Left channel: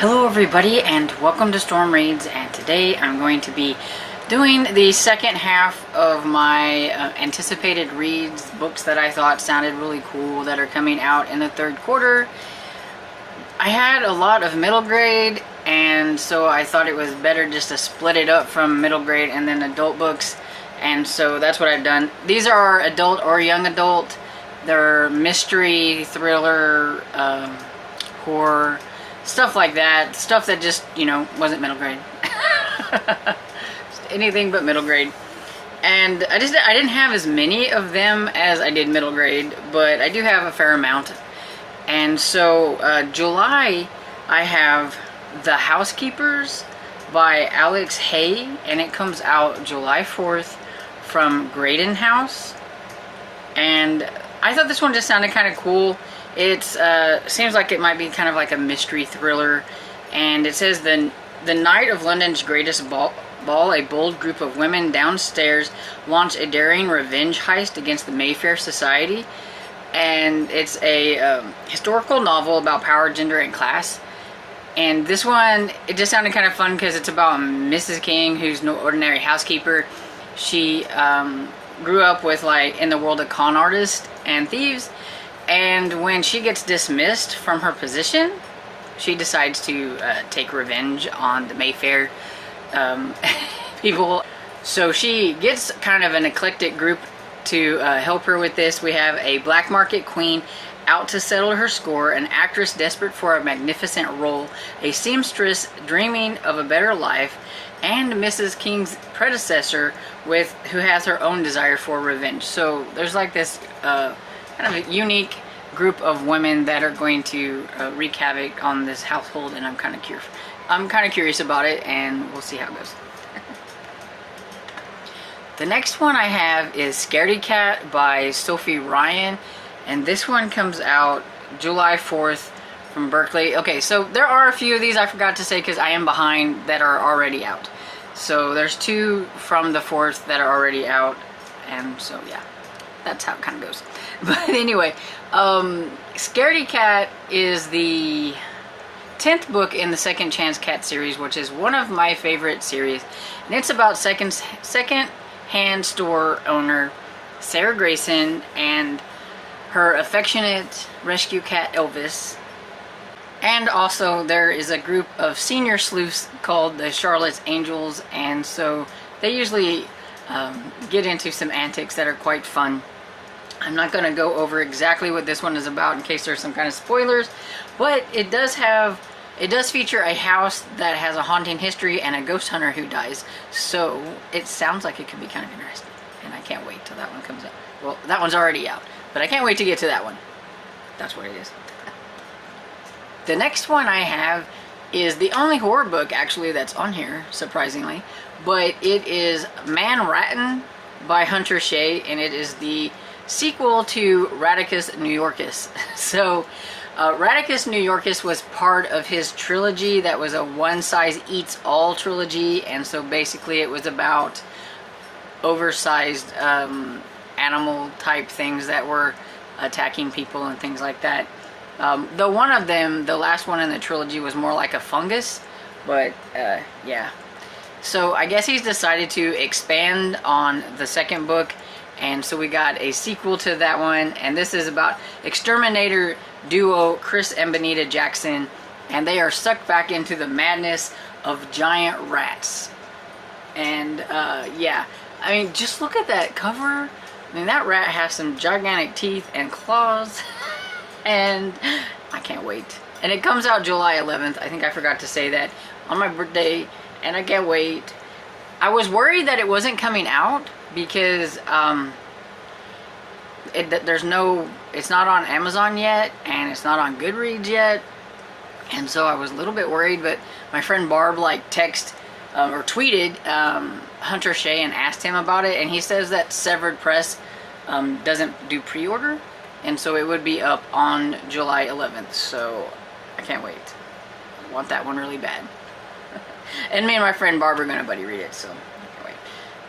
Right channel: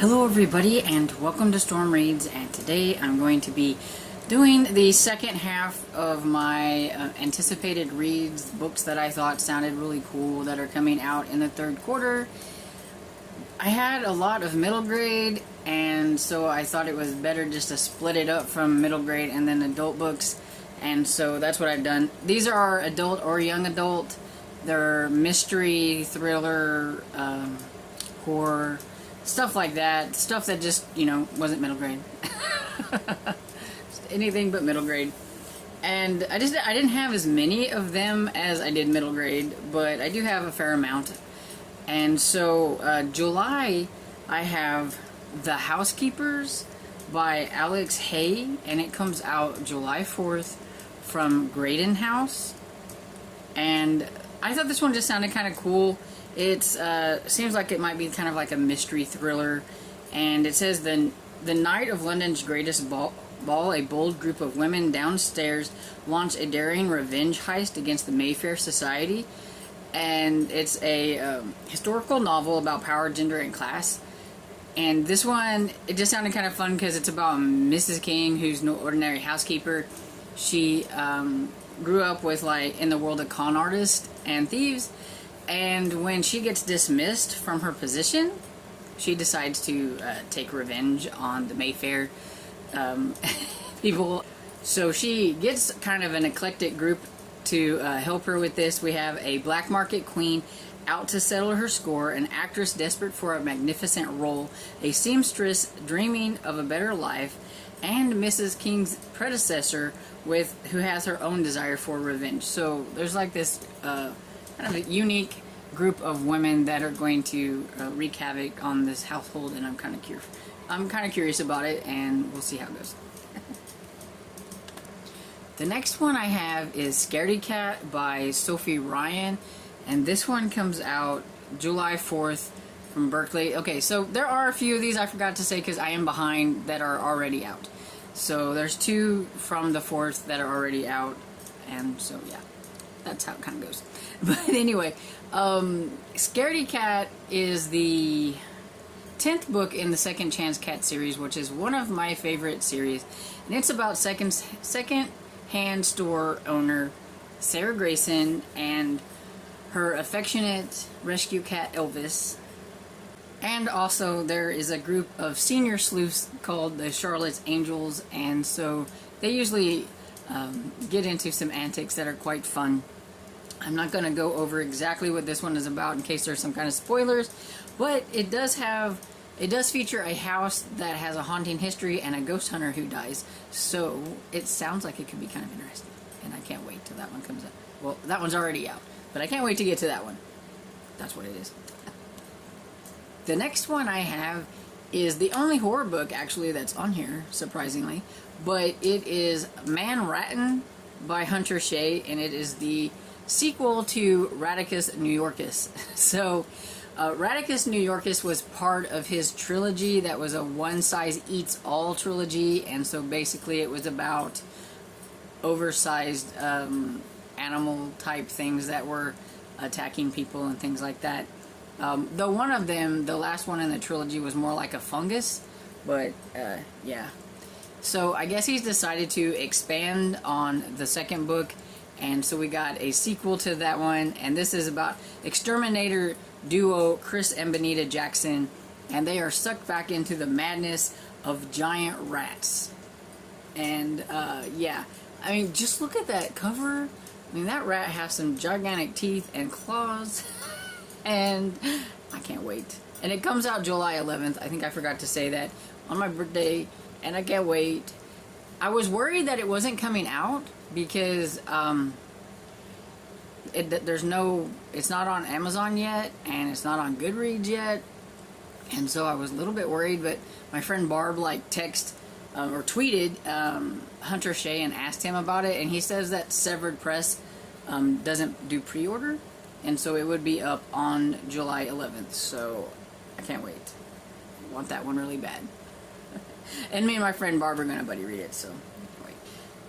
Hello everybody and welcome to Storm Reads, and today I'm going to be doing the second half of my anticipated reads, books that I thought sounded really cool that are coming out in the third quarter. I had a lot of middle grade, and so I thought it was better just to split it up from middle grade and then adult books, and so that's what I've done. These are adult or young adult. They're mystery, thriller, horror, stuff like that. Stuff that just, you know, wasn't middle grade. Anything but middle grade. And I didn't have as many of them as I did middle grade, but I do have a fair amount. And so July I have The Housekeepers by Alex Hay, and it comes out July 4th from Graydon House. And I thought this one just sounded kind of cool. It seems like it might be kind of like a mystery thriller, and it says the night of London's greatest ball, a bold group of women downstairs launch a daring revenge heist against the Mayfair Society. And it's a historical novel about power, gender, and class. And this one, it just sounded kind of fun because it's about Mrs. King, who's no ordinary housekeeper. She grew up with, like, in the world of con artists and thieves. And when she gets dismissed from her position, she decides to take revenge on the Mayfair people. So she gets kind of an eclectic group to help her with this. We have a black market queen out to settle her score, an actress desperate for a magnificent role, a seamstress dreaming of a better life, and Mrs. King's predecessor who has her own desire for revenge. So there's like this kind of a unique group of women that are going to wreak havoc on this household, and I'm kind of curious about it, and we'll see how it goes. The next one I have is Scaredy Cat by Sophie Ryan, and this one comes out July 4th from Berkeley. Okay, so there are a few of these I forgot to say because I am behind that are already out. So there's two from the 4th that are already out, and so yeah, that's how it kind of goes. But anyway, Scaredy Cat is the 10th book in the Second Chance Cat series, which is one of my favorite series, and it's about second-hand store owner Sarah Grayson and her affectionate rescue cat Elvis. And also there is a group of senior sleuths called the Charlotte's Angels, and so they usually get into some antics that are quite fun. I'm not going to go over exactly what this one is about in case there's some kind of spoilers, but it does feature a house that has a haunting history and a ghost hunter who dies, so it sounds like it could be kind of interesting, and I can't wait till that one comes out. Well, that one's already out, but I can't wait to get to that one. That's what it is. The next one I have is the only horror book actually that's on here, surprisingly, but it is Man Rattan by Hunter Shea, and it is the sequel to Radicus New Yorkus. So Radicus New Yorkus was part of his trilogy that was a one-size-eats-all trilogy, and so basically it was about oversized animal type things that were attacking people and things like that. Though one of them, the last one in the trilogy, was more like a fungus, but yeah. So I guess he's decided to expand on the second book, and so we got a sequel to that one, and this is about exterminator duo Chris and Benita Jackson, and they are sucked back into the madness of giant rats. And yeah, I mean, just look at that cover. I mean, that rat has some gigantic teeth and claws, and I can't wait. And it comes out July 11th. I think I forgot to say that on my birthday, and I can't wait. I was worried that it wasn't coming out because it's not on Amazon yet, and it's not on Goodreads yet, and so I was a little bit worried. But my friend Barb or tweeted Hunter Shea and asked him about it, and he says that Severed Press doesn't do pre-order, and so it would be up on July 11th. So I can't wait. I want that one really bad. And me and my friend Barb are gonna buddy read it, so anyway.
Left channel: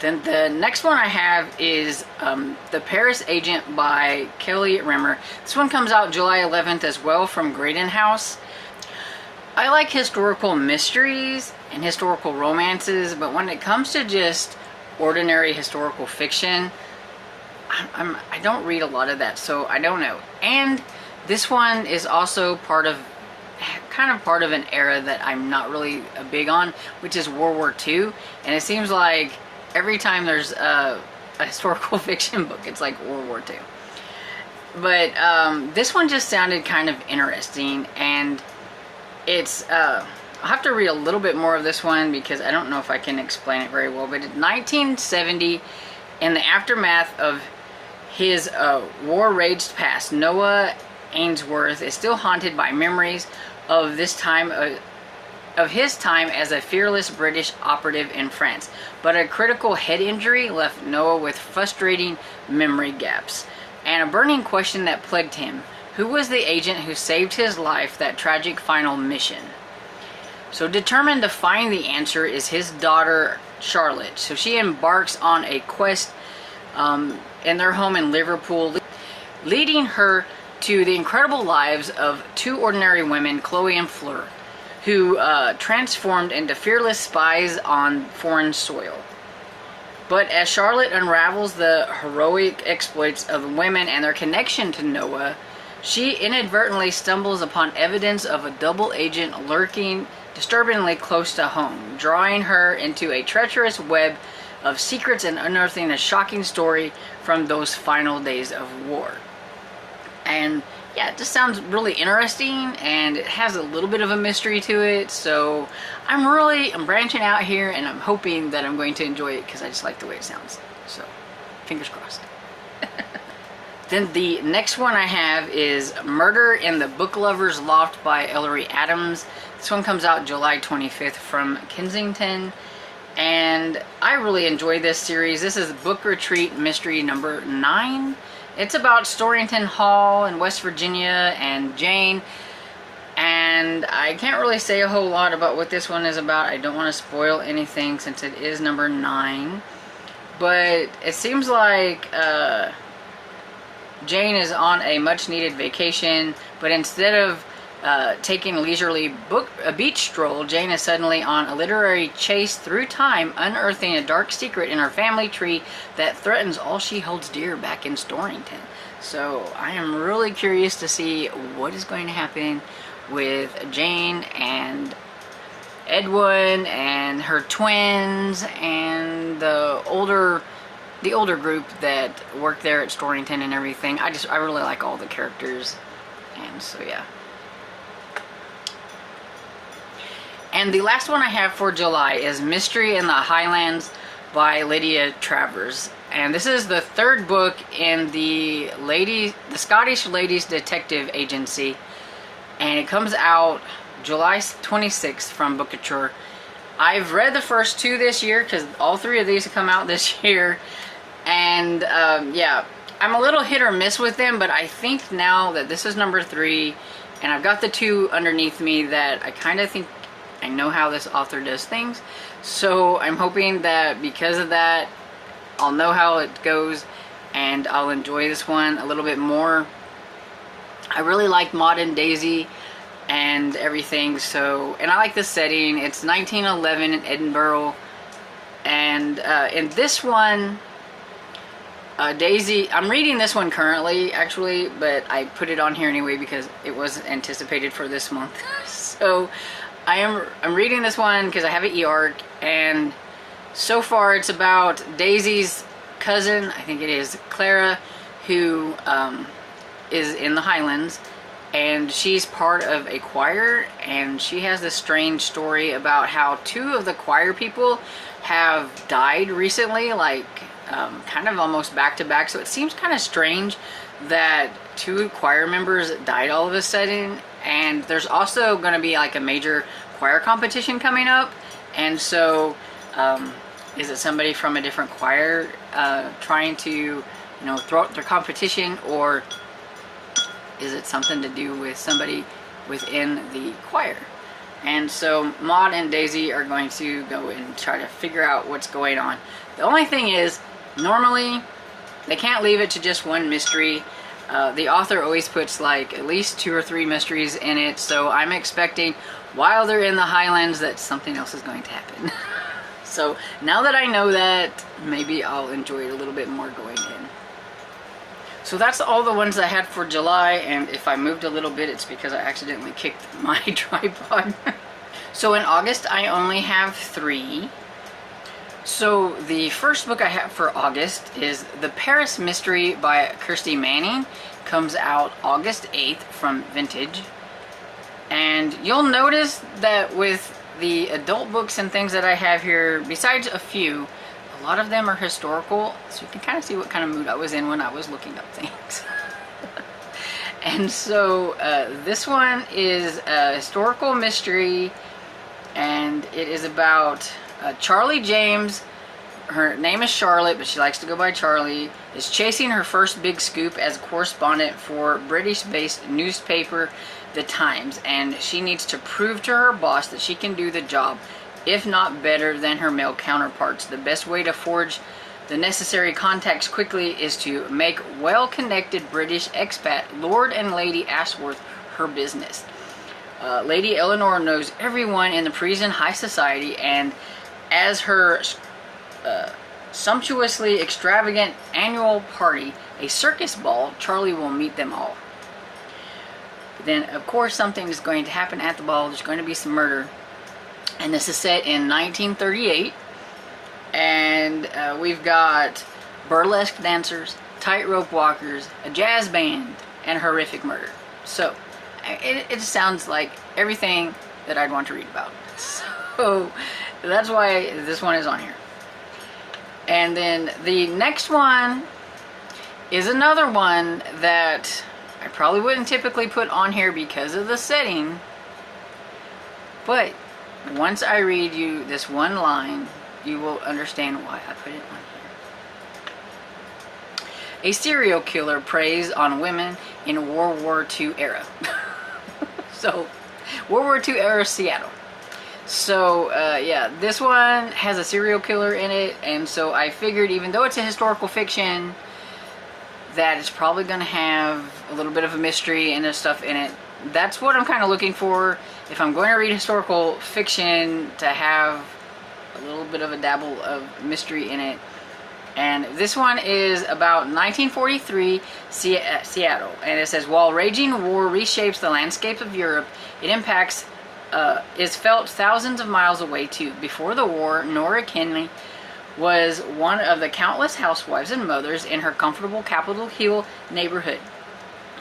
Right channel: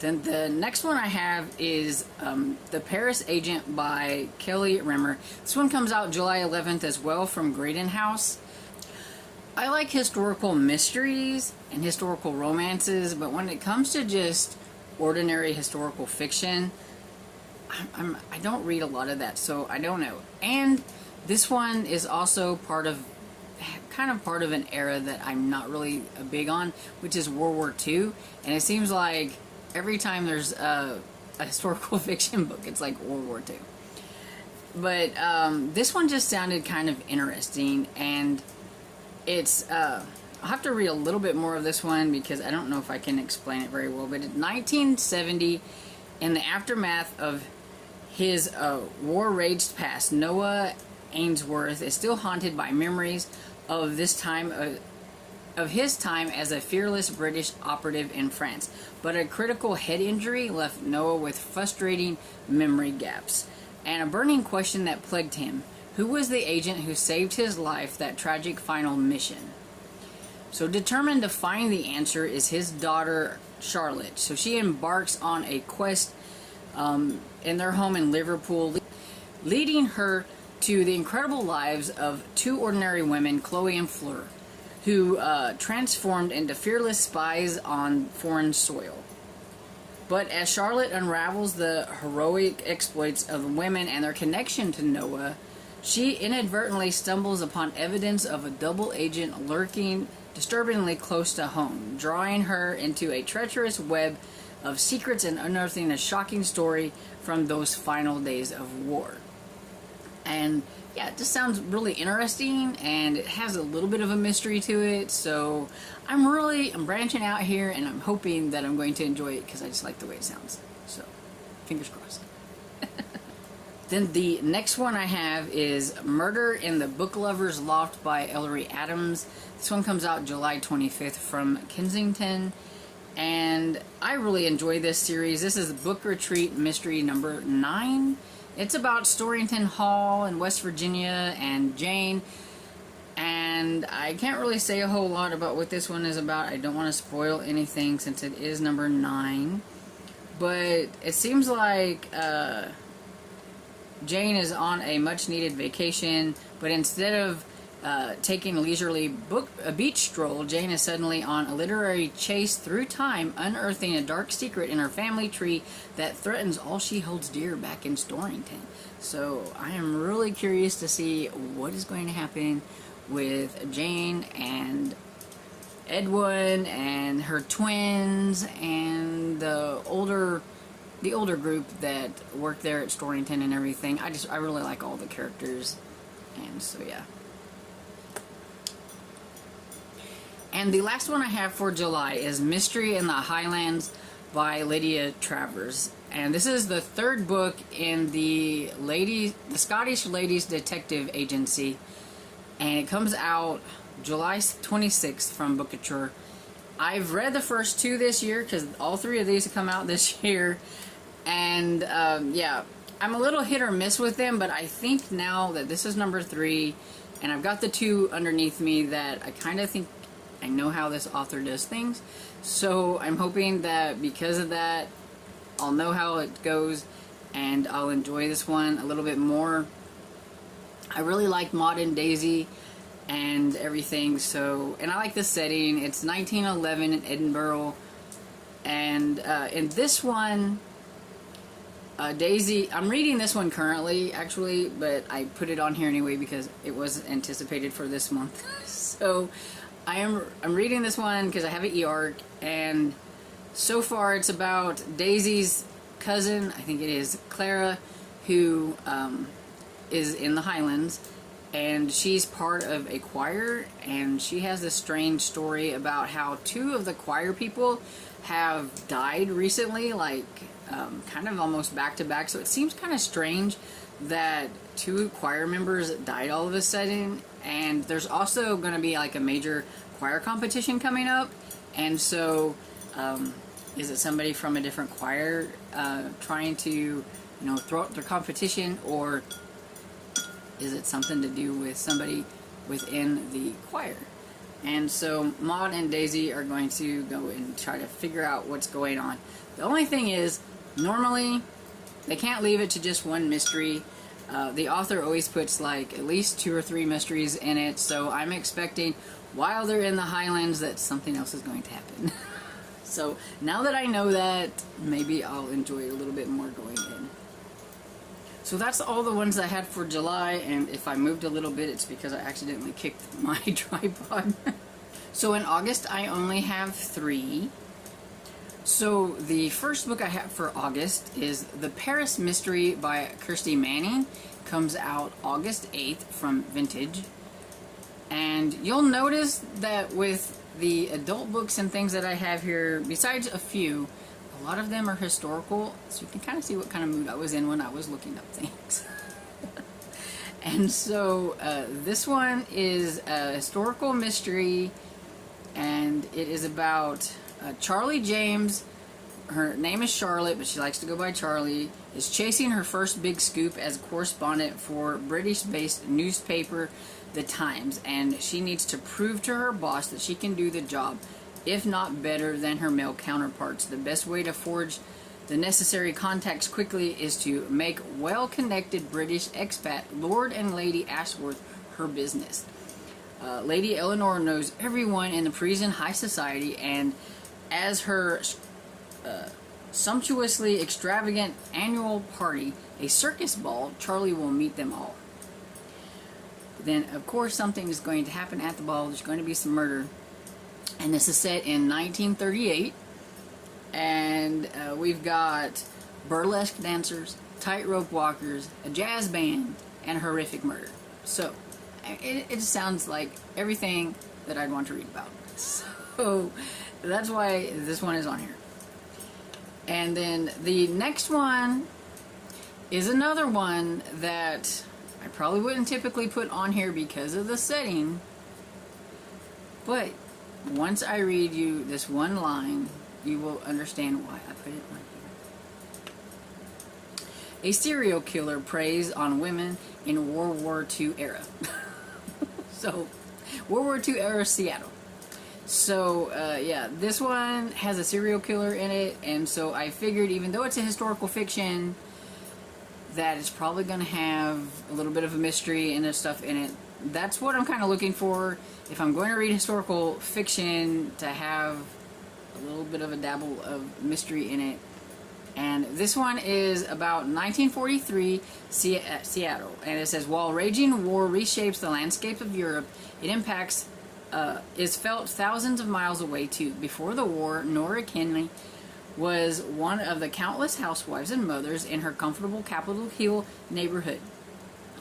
Then the next one I have is The Paris Agent by Kelly Rimmer. This one comes out July 11th as well from Graydon House. I like historical mysteries and historical romances, but when it comes to just ordinary historical fiction, I don't read a lot of that, so I don't know. And this one is also kind of part of an era that I'm not really big on, which is World War II. And it seems like every time there's a historical fiction book, it's like World War II. But this one just sounded kind of interesting, and it's I'll have to read a little bit more of this one because I don't know if I can explain it very well. But in 1970, in the aftermath of his war-raged past, Noah Ainsworth is still haunted by memories of this time of his time as a fearless British operative in France. But a critical head injury left Noah with frustrating memory gaps and a burning question that plagued him. Who was the agent who saved his life that tragic final mission? So determined to find the answer is his daughter, Charlotte. So she embarks on a quest in their home in Liverpool, leading her to the incredible lives of two ordinary women, Chloe and Fleur, who transformed into fearless spies on foreign soil. But as Charlotte unravels the heroic exploits of the women and their connection to Noah, she inadvertently stumbles upon evidence of a double agent lurking disturbingly close to home, drawing her into a treacherous web of secrets and unearthing a shocking story from those final days of war. And yeah, it just sounds really interesting, and it has a little bit of a mystery to it, so I'm branching out here, and I'm hoping that I'm going to enjoy it because I just like the way it sounds. So, fingers crossed. Then the next one I have is Murder in the Book Lover's Loft by Ellery Adams. This one comes out July 25th from Kensington, and I really enjoy this series. This is Book Retreat Mystery number 9. It's about Storrington Hall in West Virginia and Jane, and I can't really say a whole lot about what this one is about. I don't want to spoil anything since it is number 9, but it seems like Jane is on a much needed vacation, but instead of taking a leisurely beach stroll, Jane is suddenly on a literary chase through time, unearthing a dark secret in her family tree that threatens all she holds dear back in Storrington. So I am really curious to see what is going to happen with Jane and Edwin and her twins and the older group that work there at Storrington and everything. I really like all the characters, and so yeah. And the last one I have for July is Mystery in the Highlands by Lydia Travers. And this is the 3rd book in the Scottish Ladies Detective Agency. And it comes out July 26th from Bookouture. I've read the first 2 this year because all 3 of these have come out this year. And yeah, I'm a little hit or miss with them, but I think now that this is number 3 and I've got the 2 underneath me that I kind of think I know how this author does things. So I'm hoping that because of that, I'll know how it goes and I'll enjoy this one a little bit more. I really like Maud and Daisy and everything, so, and I like the setting. It's 1911 in Edinburgh, and in this one, Daisy, I'm reading this one currently actually, but I put it on here anyway because it was anticipated for this month. So I'm reading this one because I have an e-arc, and so far it's about Daisy's cousin, I think it is Clara, who is in the Highlands, and she's part of a choir, and she has this strange story about how 2 of the choir people have died recently, like kind of almost back to back. So it seems kind of strange that 2 choir members died all of a sudden. And there's also going to be like a major choir competition coming up, and so is it somebody from a different choir trying to throw out their competition, or is it something to do with somebody within the choir? And so Maud and Daisy are going to go and try to figure out what's going on. The only thing is, normally they can't leave it to just one mystery. The author always puts like at least 2 or 3 mysteries in it, so I'm expecting while they're in the Highlands that something else is going to happen. So now that I know that, maybe I'll enjoy it a little bit more going in. So that's all the ones I had for July, and if I moved a little bit, it's because I accidentally kicked my tripod. So in August, I only have 3. So the first book I have for August is The Paris Mystery by Kirsty Manning. Comes out August 8th from Vintage. And you'll notice that with the adult books and things that I have here, besides a few, a lot of them are historical, so you can kind of see what kind of mood I was in when I was looking up things. And so this one is a historical mystery, and it is about Charlie James. Her name is Charlotte, but she likes to go by Charlie, is chasing her first big scoop as a correspondent for British-based newspaper The Times, and she needs to prove to her boss that she can do the job, if not better than her male counterparts. The best way to forge the necessary contacts quickly is to make well-connected British expat Lord and Lady Ashworth her business. Lady Eleanor knows everyone in the Parisian high society, and as her sumptuously extravagant annual party, a circus ball, Charlie will meet them all. Then, of course, something is going to happen at the ball. There's going to be some murder. And this is set in 1938. And we've got burlesque dancers, tightrope walkers, a jazz band, and horrific murder. So, it sounds like everything that I'd want to read about. So, that's why this one is on here. And then the next one is another one that I probably wouldn't typically put on here because of the setting, but once I read you this one line, you will understand why I put it on here. A serial killer preys on women in World War II era. So, World War II era Seattle. So, yeah, this one has a serial killer in it, and so I figured even though it's a historical fiction, that it's probably going to have a little bit of a mystery and stuff in it. That's what I'm kind of looking for. If I'm going to read historical fiction, to have a little bit of a dabble of mystery in it. And this one is about 1943 Seattle. And it says, while raging war reshapes the landscape of Europe, it impacts is felt thousands of miles away too. Before the war, Nora Kenley was one of the countless housewives and mothers in her comfortable Capitol Hill neighborhood.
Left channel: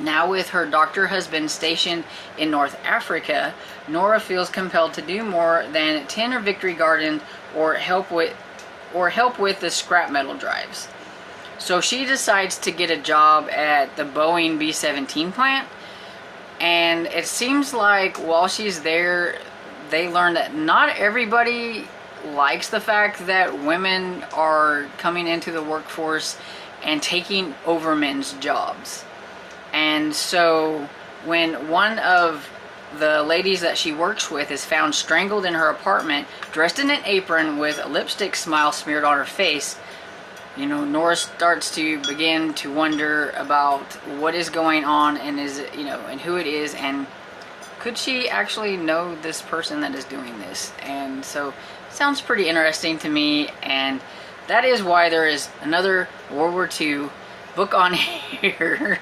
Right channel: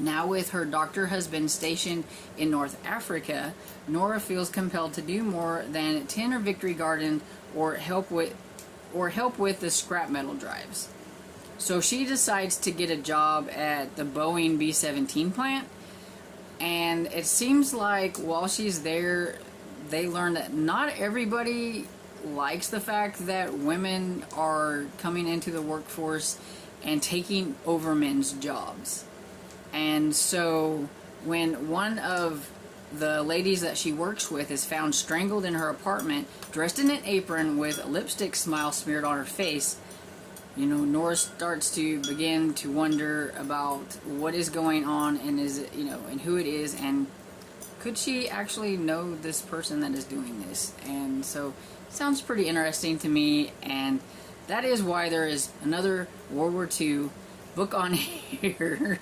Now with her doctor husband stationed in North Africa, Nora feels compelled to do more than tend her victory garden or help with the scrap metal drives. So she decides to get a job at the Boeing B-17 plant. And it seems like while she's there, they learn that not everybody likes the fact that women are coming into the workforce and taking over men's jobs. And so when one of the ladies that she works with is found strangled in her apartment, dressed in an apron with a lipstick smile smeared on her face, you know, Nora starts to begin to wonder about what is going on and and who it is, and could she actually know this person that is doing this? And so it sounds pretty interesting to me, and that is why there is another World War II book on here.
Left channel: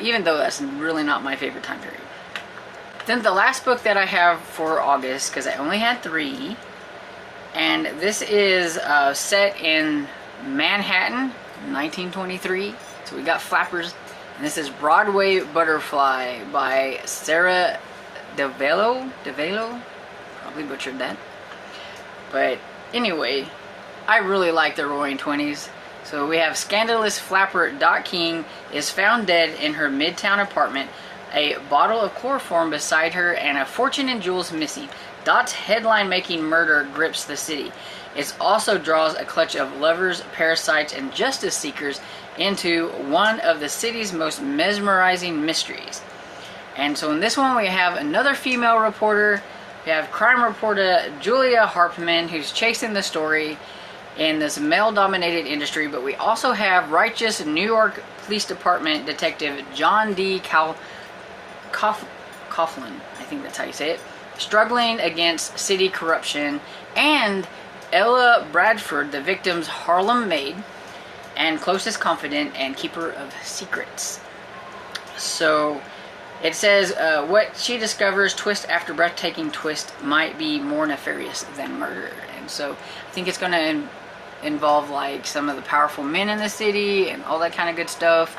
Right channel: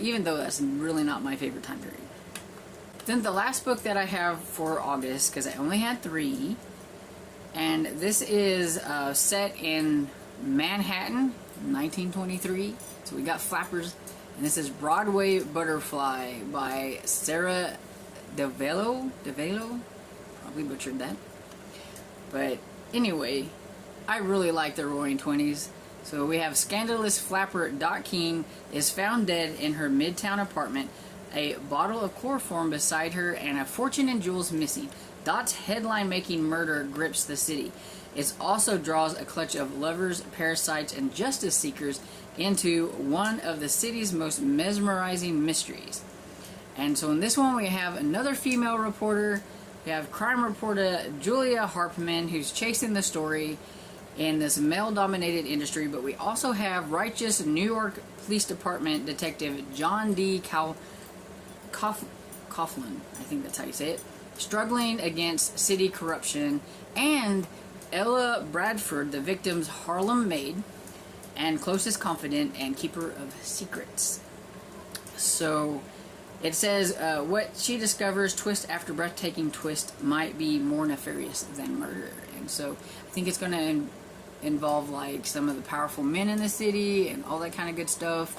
Even though that's really not my favorite time period. Then the last book that I have for August, because I only had 3, and this is set in Manhattan, 1923. So we got flappers, and this is Broadway Butterfly by Sarah DeVelo. Probably butchered that. But anyway, I really like the Roaring Twenties. So we have scandalous flapper Dot King is found dead in her midtown apartment, a bottle of chloroform beside her, and a fortune in jewels missing. Dot's headline-making murder grips the city. It also draws a clutch of lovers, parasites, and justice seekers into one of the city's most mesmerizing mysteries. And so in this one we have another female reporter. We have crime reporter Julia Harpman, who's chasing the story. in this male-dominated industry, but we also have righteous New York Police Department Detective John D. Coughlin, I think that's how you say it, struggling against city corruption, and Ella Bradford, the victim's Harlem maid and closest confidant and keeper of secrets. So it says what she discovers twist after breathtaking twist might be more nefarious than murder. And so I think it's going to involve like some of the powerful men in the city and all that kind of good stuff.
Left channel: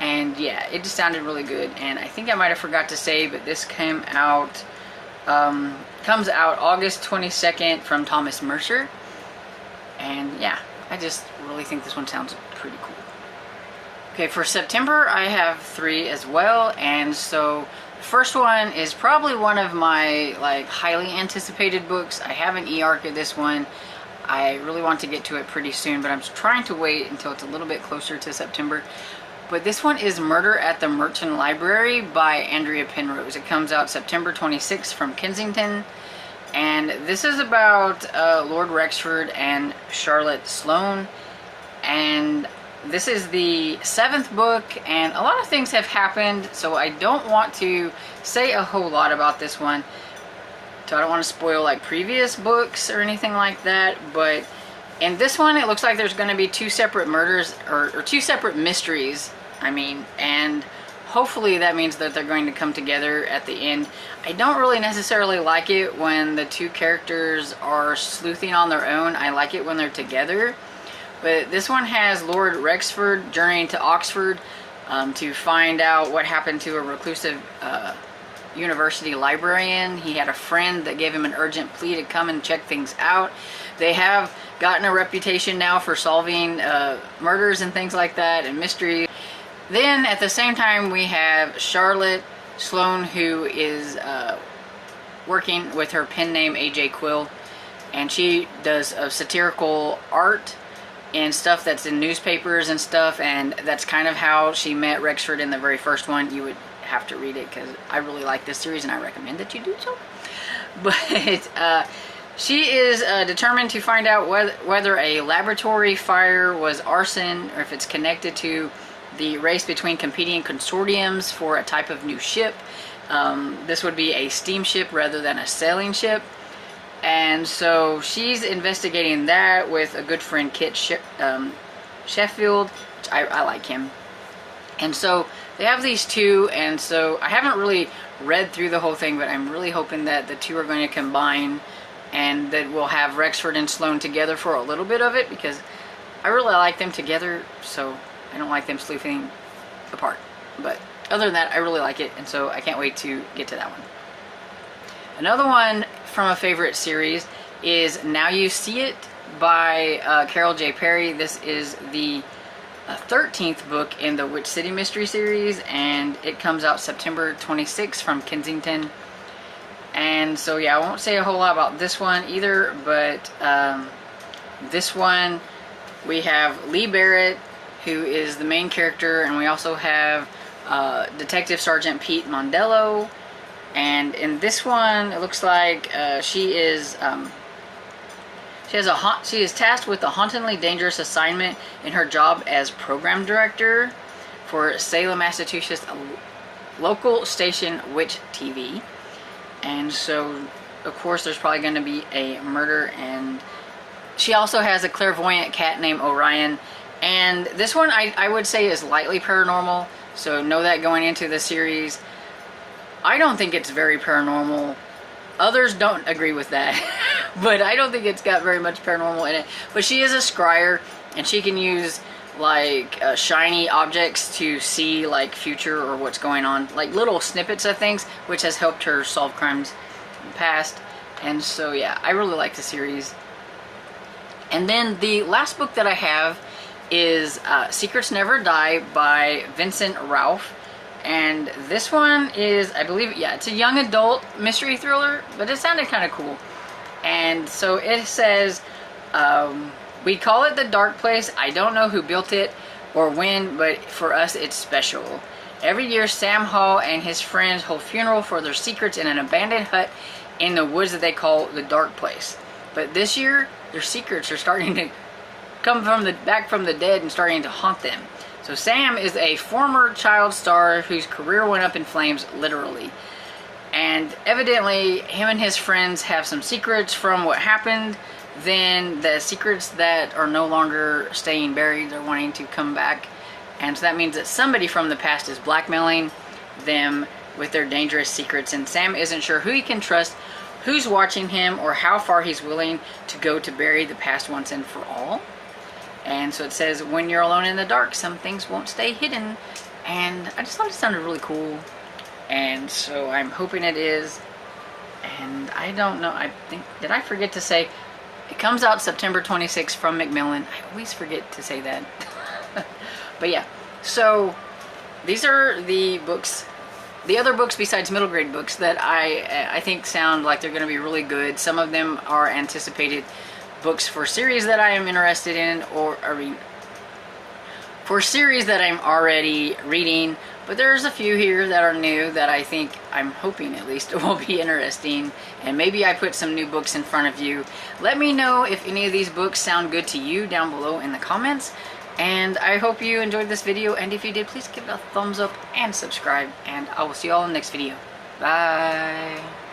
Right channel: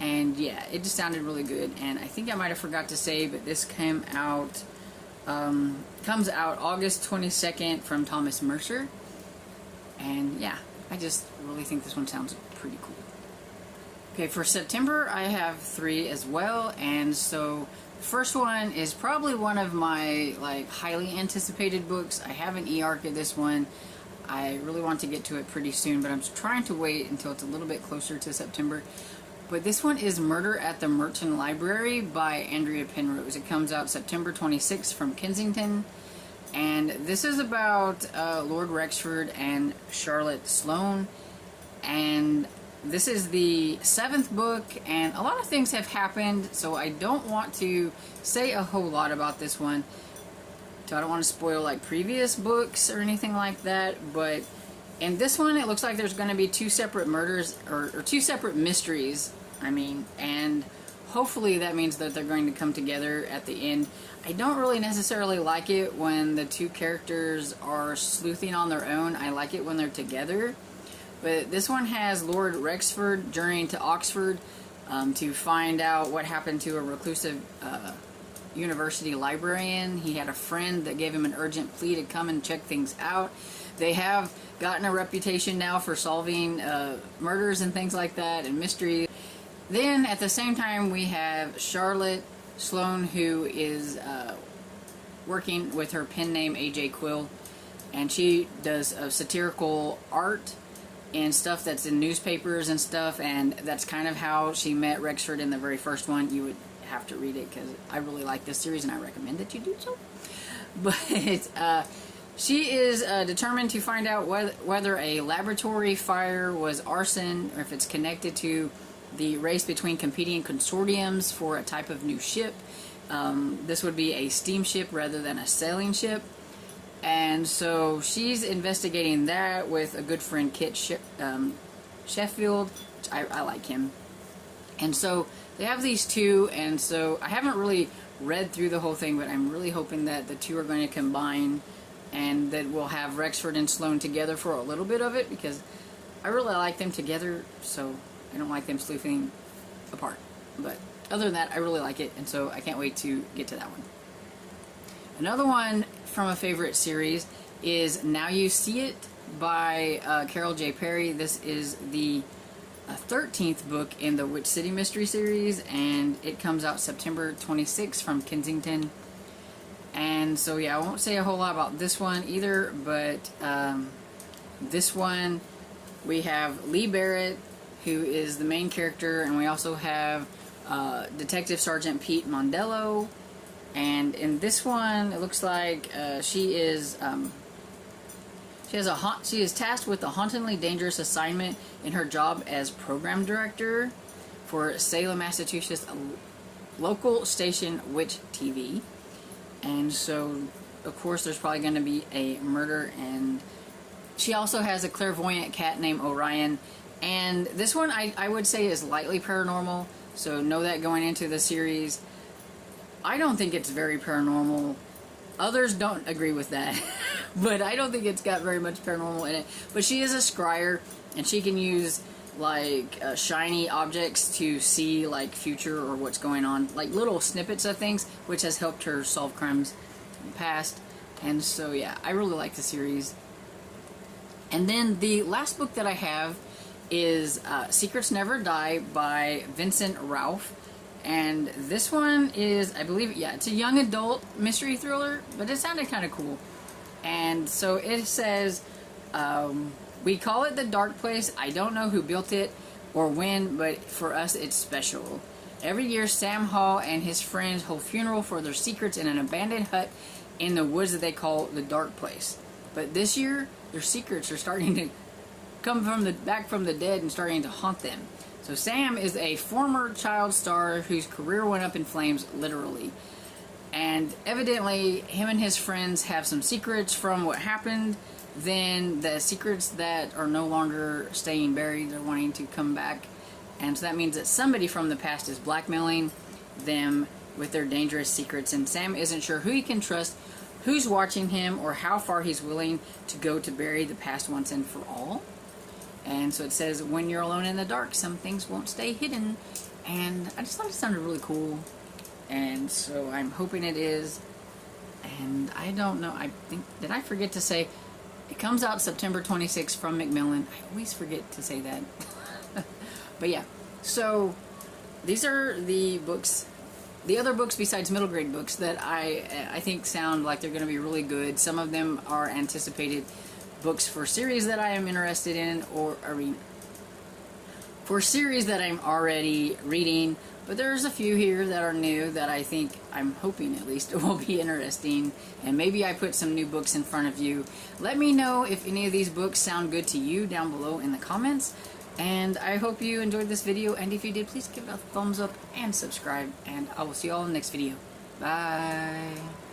And yeah, it just sounded really good. And I think I might have forgot to say, but this comes out August 22nd from Thomas Mercer. And yeah, I just really think this one sounds pretty cool. Okay, for September I have 3 as well, and so the first one is probably one of my like highly anticipated books. I have an e-arc of this one. I really want to get to it pretty soon, but I'm trying to wait until it's a little bit closer to September. But this one is Murder at the Merchant Library by Andrea Penrose. It comes out September 26th from Kensington. And this is about Lord Rexford and Charlotte Sloane. And this is the 7th book, and a lot of things have happened, so I don't want to say a whole lot about this one. So I don't want to spoil like previous books or anything like that, but in this one it looks like there's going to be 2 separate murders, or 2 separate mysteries, I mean, and hopefully that means that they're going to come together at the end. I don't really necessarily like it when the 2 characters are sleuthing on their own. I like it when they're together. But this one has Lord Rexford journeying to Oxford to find out what happened to a reclusive university librarian. He had a friend that gave him an urgent plea to come and check things out. They have gotten a reputation now for solving murders and things like that, and mysteries. Then at the same time we have Charlotte Sloane, who is working with her pen name AJ Quill, and she does satirical art and stuff that's in newspapers and stuff, and that's kind of how she met Rexford in the very first one. You would have to read it because I really like this series and I recommend that you do so. But she is determined to find out whether a laboratory fire was arson, or if it's connected to the race between competing consortiums for a type of new ship. This would be a steamship rather than a sailing ship. And so she's investigating that with a good friend, Kit Sheffield, which I like him. And so they have these 2, and so I haven't really read through the whole thing, but I'm really hoping that the 2 are going to combine, and that we'll have Rexford and Sloane together for a little bit of it, because I really like them together, so I don't like them sleuthing apart. But other than that, I really like it, and so I can't wait to get to that one. Another one from a favorite series is Now You See It by Carol J. Perry. This is the 13th book in the Witch City Mystery series, and it comes out September 26th from Kensington. And so yeah, I won't say a whole lot about this one either, but this one we have Lee Barrett, who is the main character, and we also have Detective Sergeant Pete Mondello. And in this one, it looks like she is tasked with a hauntingly dangerous assignment in her job as program director for Salem, Massachusetts, local station Witch TV. And so, of course, there's probably going to be a murder. And she also has a clairvoyant cat named Orion. And this one I would say is lightly paranormal, so know that going into the series. I don't think it's very paranormal. Others don't agree with that. But I don't think it's got very much paranormal in it. But she is a scryer, and she can use like shiny objects to see like future or what's going on, like little snippets of things, which has helped her solve crimes in the past. And so yeah, I really like the series. And then the last book that I have is Secrets Never Die by Vincent Ralph. And this one is, I believe, yeah, it's a young adult mystery thriller, but it sounded kind of cool. And so it says, we call it The Dark Place. I don't know who built it or when, but for us it's special. Every year Sam Hall and his friends hold funeral for their secrets in an abandoned hut in the woods that they call The Dark Place. But this year, their secrets are starting to back from the dead and starting to haunt them. So Sam is a former child star whose career went up in flames, literally. And evidently, him and his friends have some secrets from what happened. Then the secrets that are no longer staying buried, they're wanting to come back. And so that means that somebody from the past is blackmailing them with their dangerous secrets. And Sam isn't sure who he can trust, who's watching him, or how far he's willing to go to bury the past once and for all. And so it says, when you're alone in the dark, some things won't stay hidden. And I just thought it sounded really cool. And so I'm hoping it is. And I don't know, I think, did I forget to say, it comes out September 26th from Macmillan. I always forget to say that. But yeah, so these are the books, the other books besides middle grade books that I think sound like they're going to be really good. Some of them are anticipated books for series that I am interested in, or for series that I'm already reading. But there's a few here that are new that I think, I'm hoping at least, will be interesting. And maybe I put some new books in front of you. Let me know if any of these books sound good to you down below in the comments. And I hope you enjoyed this video. And if you did, please give it a thumbs up and subscribe. And I will see you all in the next video. Bye.